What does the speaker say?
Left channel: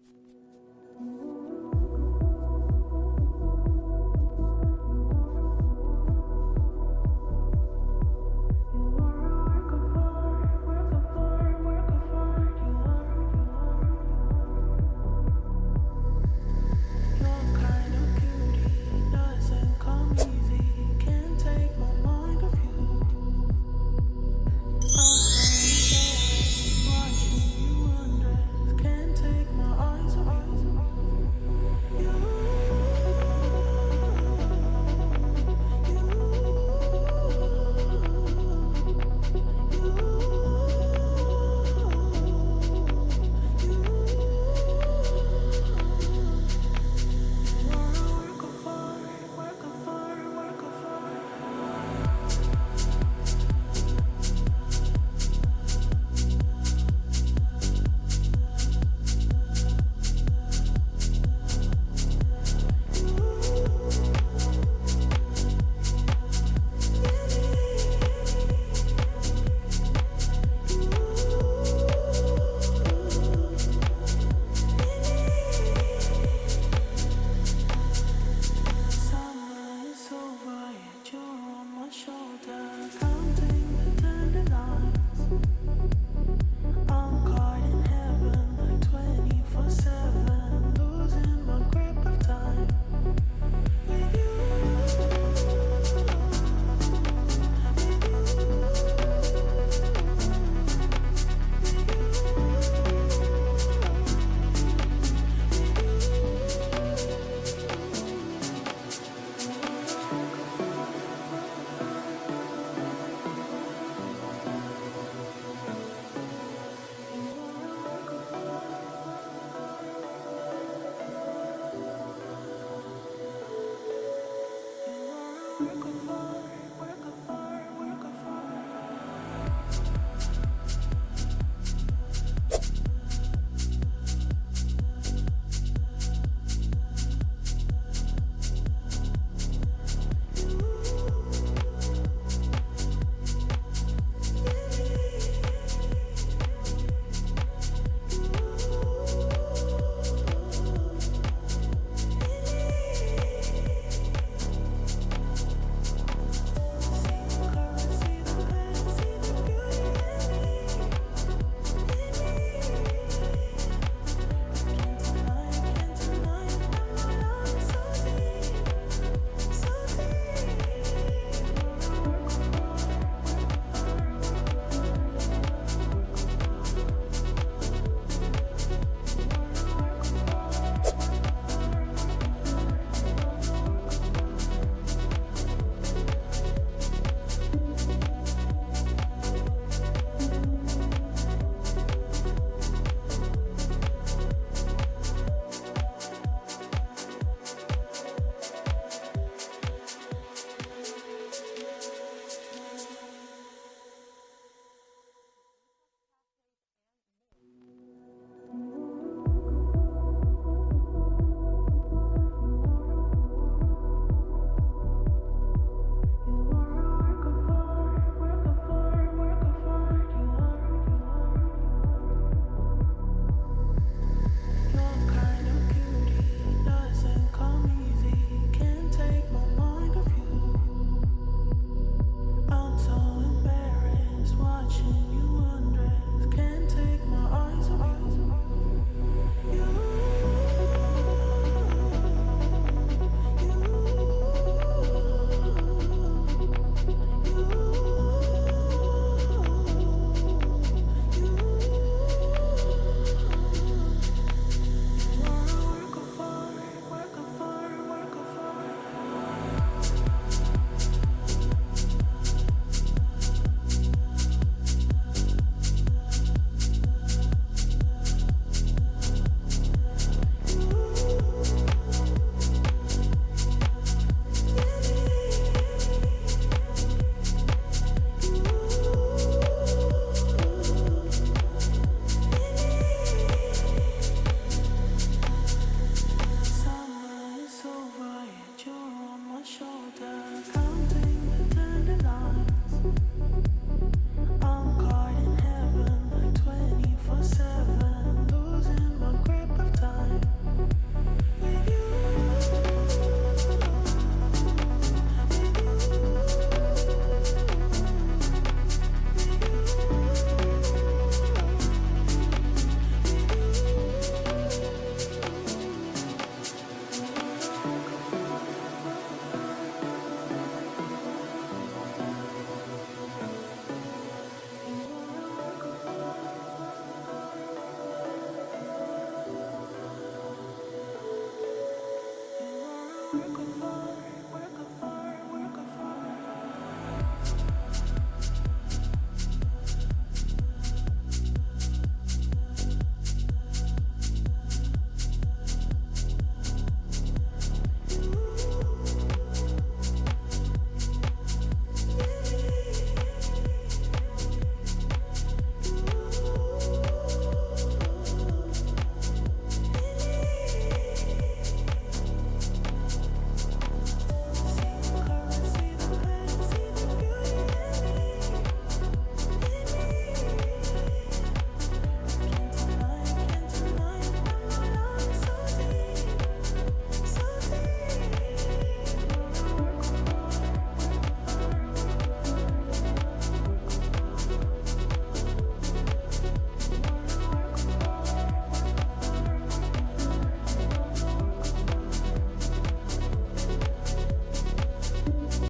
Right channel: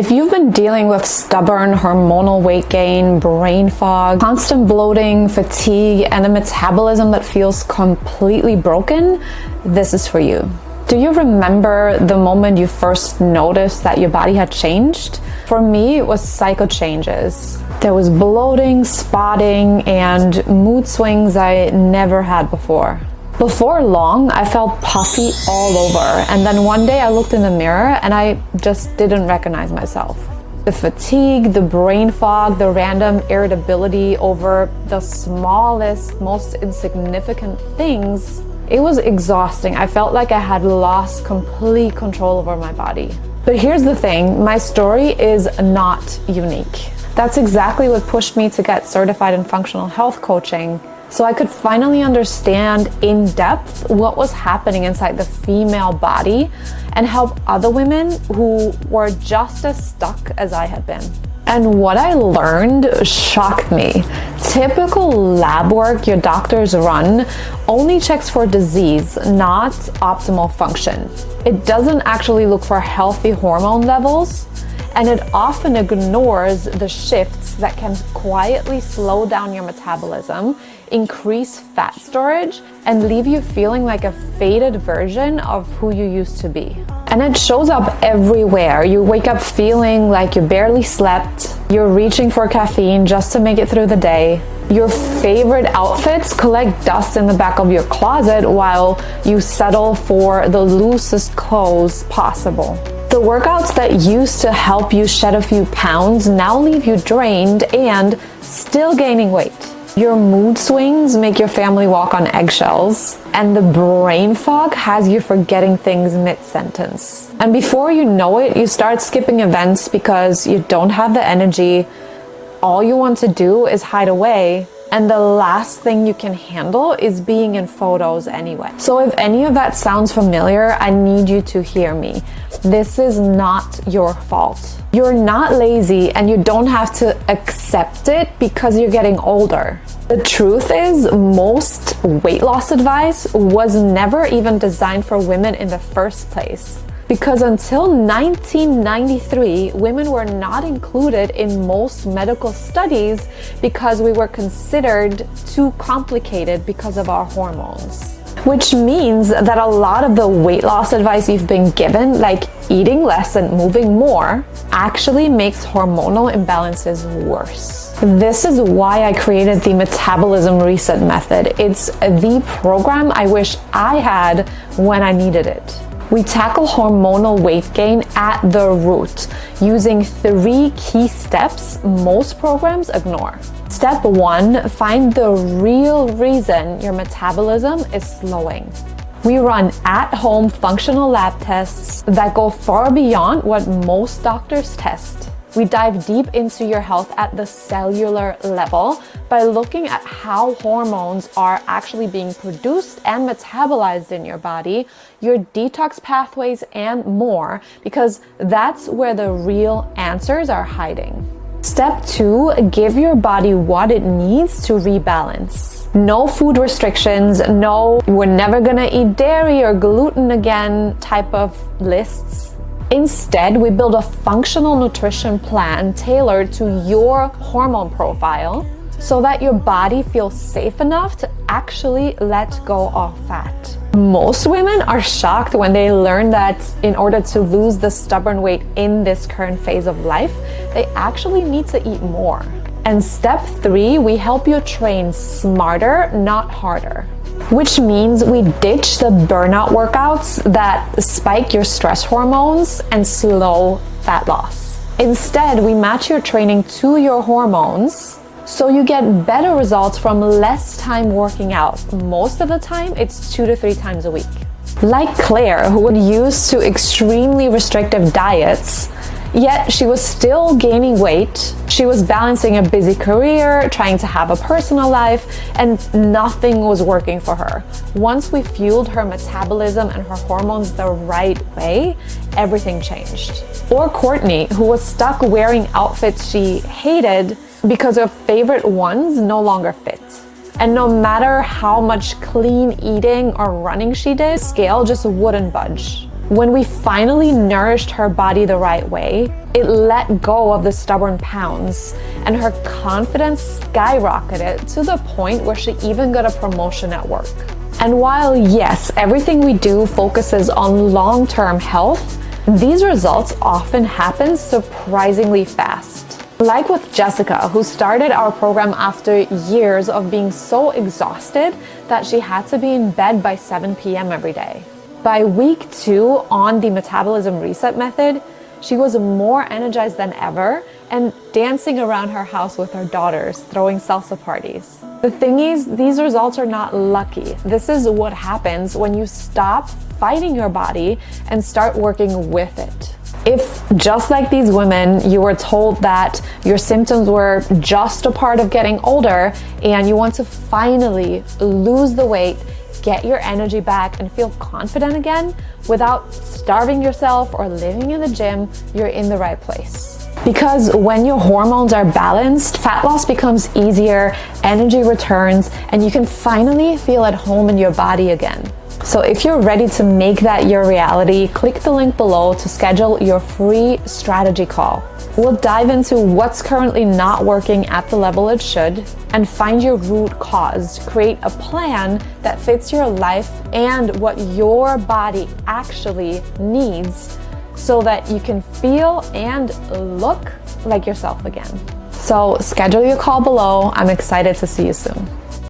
If you've been dealing with stubborn hormonal weight gain, brain fog, constant bloating, fatigue, and a metabolism that feels completely broken, this is for you. Do you remember the moment you first noticed that your body had changed? For me, it was cycle changes. There was bloating, spotting, and mood swings I never had before. Before long, I felt puffy all over, and then one day I looked in the mirror and I just didn't recognize myself. The fatigue, the brain fog, the random irritability over the smallest, most insignificant things, it was exhausting. I felt like I had lost complete control over my body. But here's the thing, my story is not unique. That's exactly what pushed me to get certified in functional health coaching, so I could finally understand in depth what was happening inside the female body and help other women who were just as stuck as I had been. And what I learned shocked me. Typical lab work your doctors run only checks for disease, not optimal function. It doesn't actually look for healthy hormone levels, and it often ignores the shifts that can quietly slow down your metabolism, increase fat storage, and leave you feeling like a faded version of who you used to be. And it shows up everywhere. You wake up feeling like you barely slept, you're reaching for caffeine just to make it through the day. Your favorite outfits collect dust in the back of your closet while you settle for the loosest clothes possible. The workouts that used to help you shed a few pounds now leave you drained and still gaining weight. Your mood swings make your family walk on eggshells, and the brain fog has you forgetting things mid-sentence. And before you know it, you start skipping events because you don't have the energy. All you want to do is hide away, and the last thing you can handle is being in photos anyway. So if any of that sounds familiar, I need you to hear me. This is not your fault. You're not lazy, and you don't have to accept it because you're getting older. The truth is, most weight loss advice was never even designed for women in the first place. Because until 1993, women were not included in most medical studies because we were considered too complicated because of our hormones. Which means that a lot of the weight loss advice you've been given, like eating less and moving more, actually makes hormonal imbalances worse. This is why I created the Metabolism Reset Method. It's the program I wish I had when I needed it. We tackle hormonal weight gain at the root using 3 key steps most programs ignore. Step 1, find the real reason your metabolism is slowing. We run at-home functional lab tests that go far beyond what most doctors test. We dive deep into your health at the cellular level by looking at how hormones are actually being produced and metabolized in your body, your detox pathways, and more, because that's where the real answers are hiding. Step 2, give your body what it needs to rebalance. No food restrictions, no "we're never gonna eat dairy or gluten again" type of lists. Instead, we build a functional nutrition plan tailored to your hormone profile so that your body feels safe enough to actually let go of fat. Most women are shocked when they learn that in order to lose the stubborn weight in this current phase of life, they actually need to eat more. And step 3, we help you train smarter, not harder. Which means we ditch the burnout workouts that spike your stress hormones and slow fat loss. Instead, we match your training to your hormones so you get better results from less time working out. Most of the time, it's 2 to 3 times a week. Like Claire, who would use to extremely restrictive diets, yet she was still gaining weight. She was balancing a busy career, trying to have a personal life, and nothing was working for her. Once we fueled her metabolism and her hormones the right way, everything changed. Or Courtney, who was stuck wearing outfits she hated because her favorite ones no longer fit. And no matter how much clean eating or running she did, scale just wouldn't budge. When we finally nourished her body the right way, it let go of the stubborn pounds, and her confidence skyrocketed to the point where she even got a promotion at work. And while yes, everything we do focuses on long-term health, these results often happen surprisingly fast. Like with Jessica, who started our program after years of being so exhausted that she had to be in bed by 7 p.m. every day. By week 2 on the metabolism reset method, she was more energized than ever and dancing around her house with her daughters, throwing salsa parties. The thing is, these results are not lucky. This is what happens when you stop fighting your body and start working with it. If, just like these women, you were told that your symptoms were just a part of getting older and you want to finally lose the weight, get your energy back, and feel confident again without starving yourself or living in the gym, you're in the right place. Because when your hormones are balanced, fat loss becomes easier, energy returns, and you can finally feel at home in your body again. So if you're ready to make that your reality, click the link below to schedule your free strategy call. We'll dive into what's currently not working at the level it should and find your root cause. Create a plan that fits your life and what your body actually needs so that you can feel and look like yourself again. So schedule your call below. I'm excited to see you soon.